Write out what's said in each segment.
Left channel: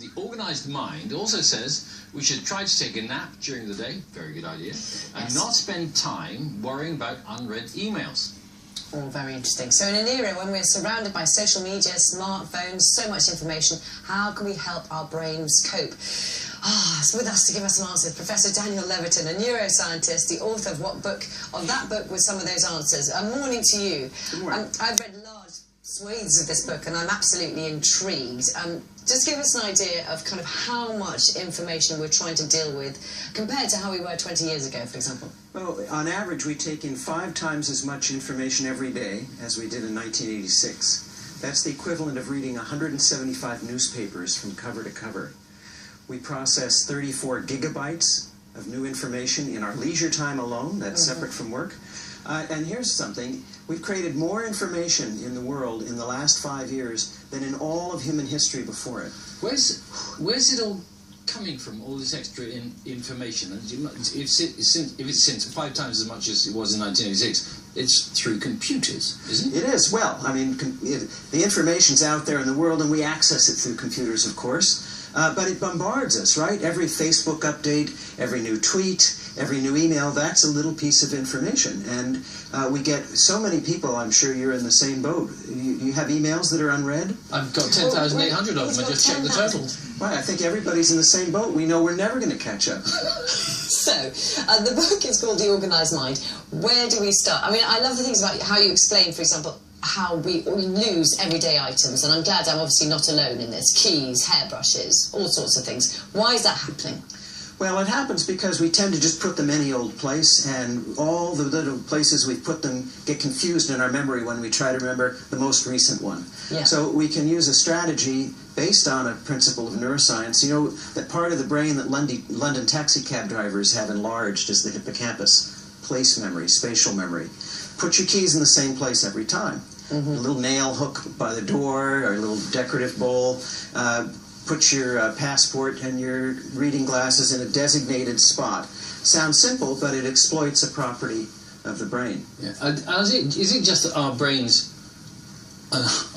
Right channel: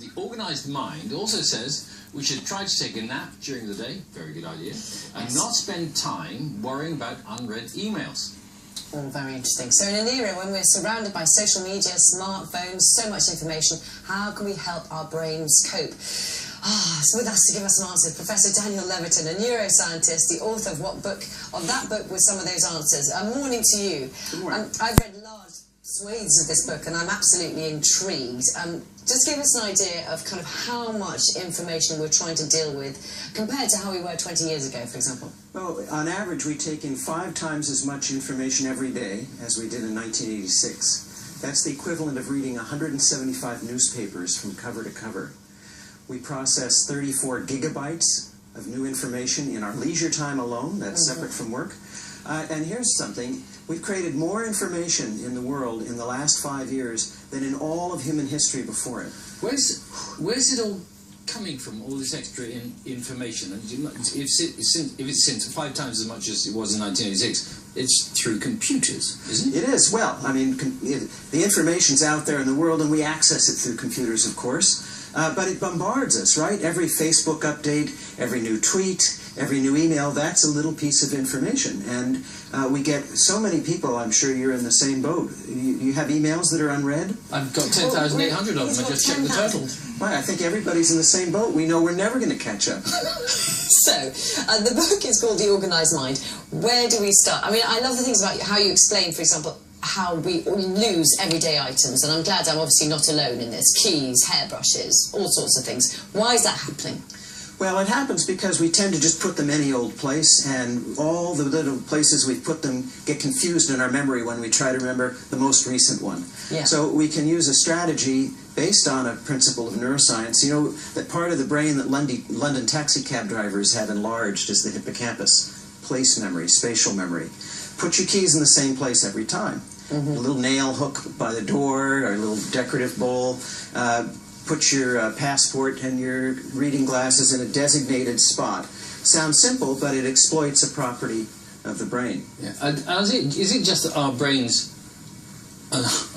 the organized mind also says we should try to take a nap during the day, very good idea, and not spend time worrying about unread emails. All very interesting. So in an era when we're surrounded by social media, smartphones, so much information, how can we help our brains cope? So with us to give us some answers, Professor Daniel Levitin, a neuroscientist, the author of that book with some of those answers. Morning to you. Good morning. I've read large swathes of this book and I'm absolutely intrigued. Just give us an idea of kind of how much information we're trying to deal with compared to how we were 20 years ago, for example. Well, on average, we take in 5 times as much information every day as we did in 1986. That's the equivalent of reading 175 newspapers from cover to cover. We process 34 gigabytes of new information in our leisure time alone. That's separate from work. And here's something. We've created more information in the world in the last 5 years than in all of human history before it. Where's it all coming from, all this extra information? And if it's since 5 times as much as it was in 1986, it's through computers, isn't it? It is. Well, I mean, the information's out there in the world, and we access it through computers, of course. But it bombards us, right? Every Facebook update, every new tweet, every new email, that's a little piece of information. And we get so many people, I'm sure you're in the same boat. You have emails that are unread? I've got 10,800 of them. I just checked the total. Well, I think everybody's in the same boat. We know we're never going to catch up. So, the book is called The Organized Mind. Where do we start? I mean, I love the things about how you explain, for example, how we lose everyday items, and I'm glad I'm obviously not alone in this. Keys, hairbrushes, all sorts of things. Why is that happening? Well, it happens because we tend to just put them any old place, and all the little places we put them get confused in our memory when we try to remember the most recent one. Yeah. So we can use a strategy based on a principle of neuroscience. You know, that part of the brain that London taxi cab drivers have enlarged is the hippocampus, place memory, spatial memory. Put your keys in the same place every time. A little nail hook by the door, or a little decorative bowl. Put your passport and your reading glasses in a designated spot. Sounds simple, but it exploits a property of the brain. Yeah. Is it just that our brains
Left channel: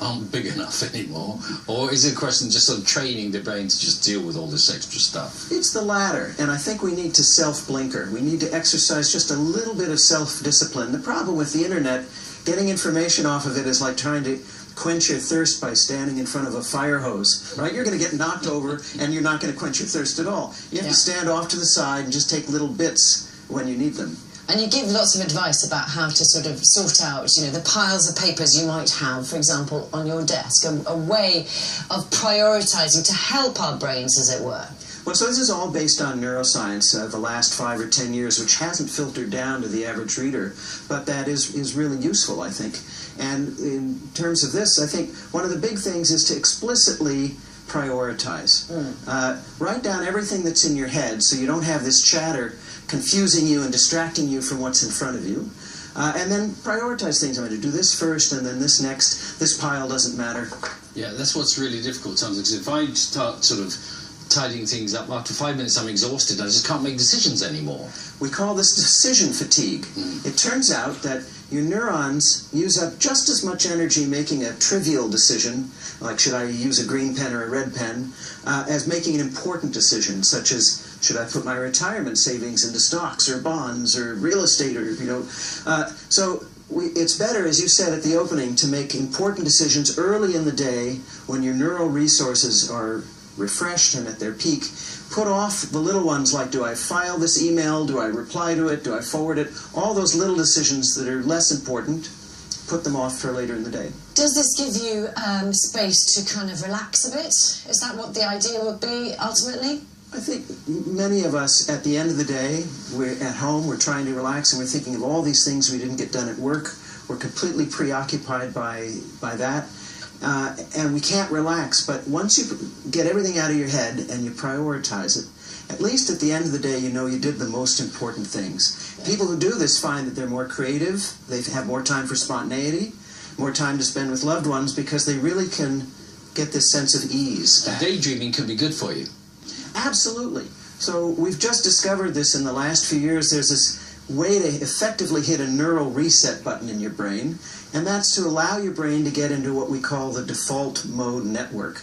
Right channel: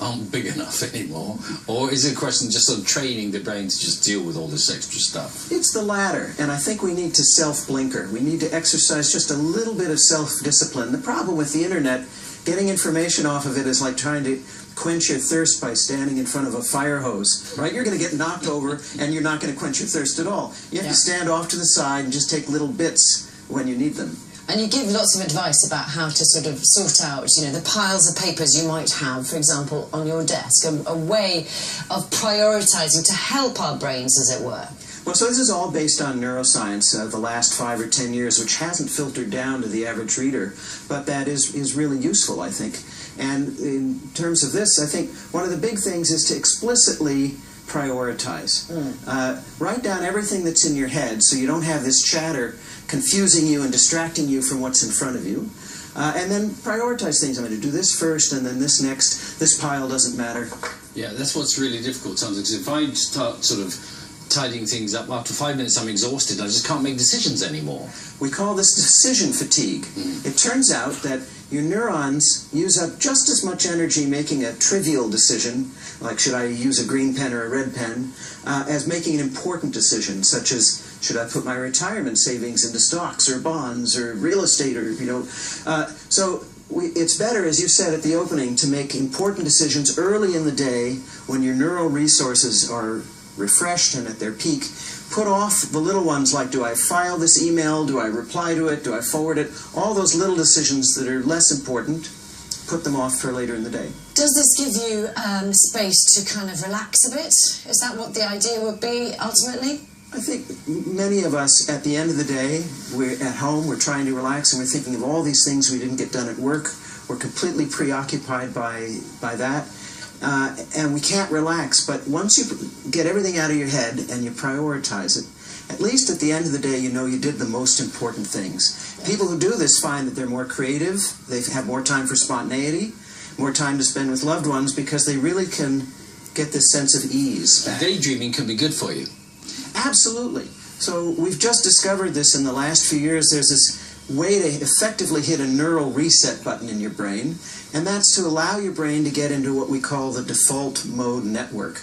aren't big enough anymore, or is it a question of just sort of training the brain to just deal with all this extra stuff? It's the latter, and I think we need to self-blinker. We need to exercise just a little bit of self-discipline. The problem with the internet, getting information off of it is like trying to quench your thirst by standing in front of a fire hose, right? You're going to get knocked over, and you're not going to quench your thirst at all. You have to stand off to the side and just take little bits when you need them. And you give lots of advice about how to sort of sort out, you know, the piles of papers you might have, for example, on your desk, a way of prioritizing to help our brains, as it were. Well, so this is all based on neuroscience the last 5 or 10 years, which hasn't filtered down to the average reader, but that is really useful, I think. And in terms of this, I think one of the big things is to explicitly prioritize. Write down everything that's in your head so you don't have this chatter confusing you and distracting you from what's in front of you. And then prioritize things. I'm going to do this first and then this next. This pile doesn't matter. Yeah, that's what's really difficult sometimes. If I start sort of tidying things up, after 5 minutes I'm exhausted. I just can't make decisions anymore. We call this decision fatigue. It turns out that your neurons use up just as much energy making a trivial decision, like should I use a green pen or a red pen, as making an important decision, such as should I put my retirement savings into stocks or bonds or real estate, or, you know. So it's better, as you said at the opening, to make important decisions early in the day when your neural resources are refreshed and at their peak. Put off the little ones like, do I file this email, do I reply to it, do I forward it? All those little decisions that are less important, put them off for later in the day. Does this give you space to kind of relax a bit? Is that what the idea would be ultimately? I think many of us, at the end of the day, we're at home, we're trying to relax, and we're thinking of all these things we didn't get done at work. We're completely preoccupied by that. And we can't relax, but once you get everything out of your head and you prioritize it, at least at the end of the day you know you did the most important things. People who do this find that they're more creative, they have more time for spontaneity, more time to spend with loved ones, because they really can get this sense of ease back. Daydreaming can be good for you. Absolutely. So we've just discovered this in the last few years. There's this way to effectively hit a neural reset button in your brain, and that's to allow your brain to get into what we call the default mode network.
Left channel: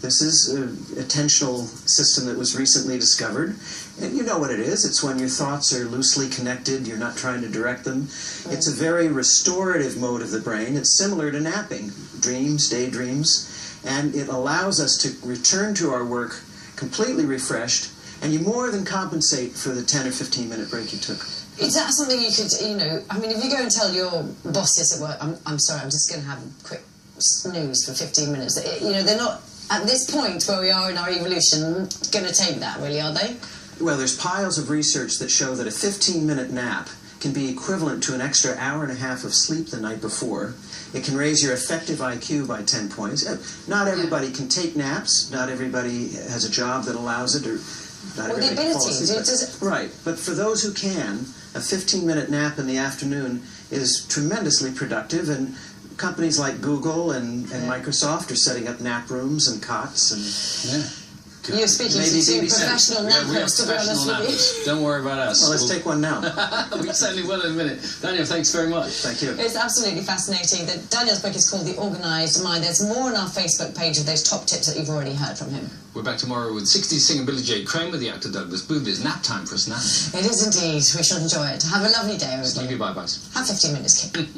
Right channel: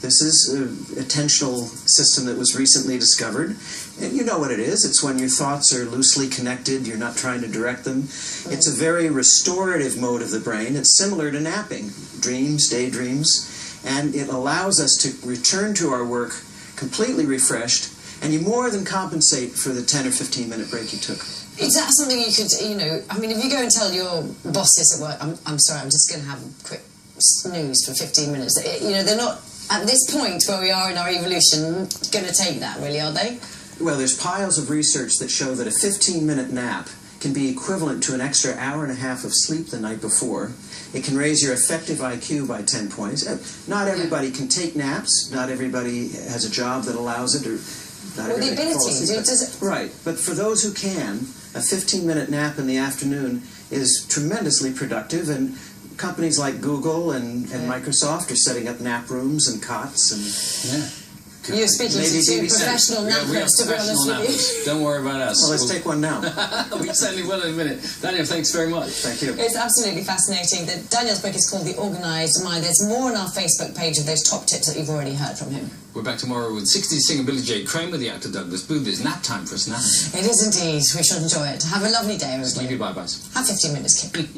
This is a attentional system that was recently discovered. And you know what it is. It's when your thoughts are loosely connected, you're not trying to direct them. It's a very restorative mode of the brain. It's similar to napping, dreams, daydreams, and it allows us to return to our work completely refreshed, and you more than compensate for the 10 or 15-minute break you took. Is that something you could, you know, I mean, if you go and tell your bosses at work, I'm sorry, I'm just going to have a quick snooze for 15 minutes, you know, they're not, at this point where we are in our evolution, going to take that, really, are they? Well, there's piles of research that show that a 15-minute nap can be equivalent to an extra hour and a half of sleep the night before. It can raise your effective IQ by 10 points. Not everybody can take naps. Not everybody has a job that allows it, or not everybody the can fall asleep. ability. Right, but for those who can, a 15-minute nap in the afternoon is tremendously productive, and companies like Google and Microsoft are setting up nap rooms and cots and... You're speaking to two professional nappers, to be honest with you. Don't worry about us. Well, let's take one now. We certainly will in a minute. Daniel, thanks very much. Thank you. It's absolutely fascinating. Daniel's book is called The Organised Mind. There's more on our Facebook page of those top tips that you've already heard from him. We're back tomorrow with 60s singer Billy J. Kramer, the actor Douglas Booth. It's nap time for us now. It is indeed. We shall enjoy it. Have a lovely day, everybody. Sleepy bye-byes. Have 15 minutes, kid.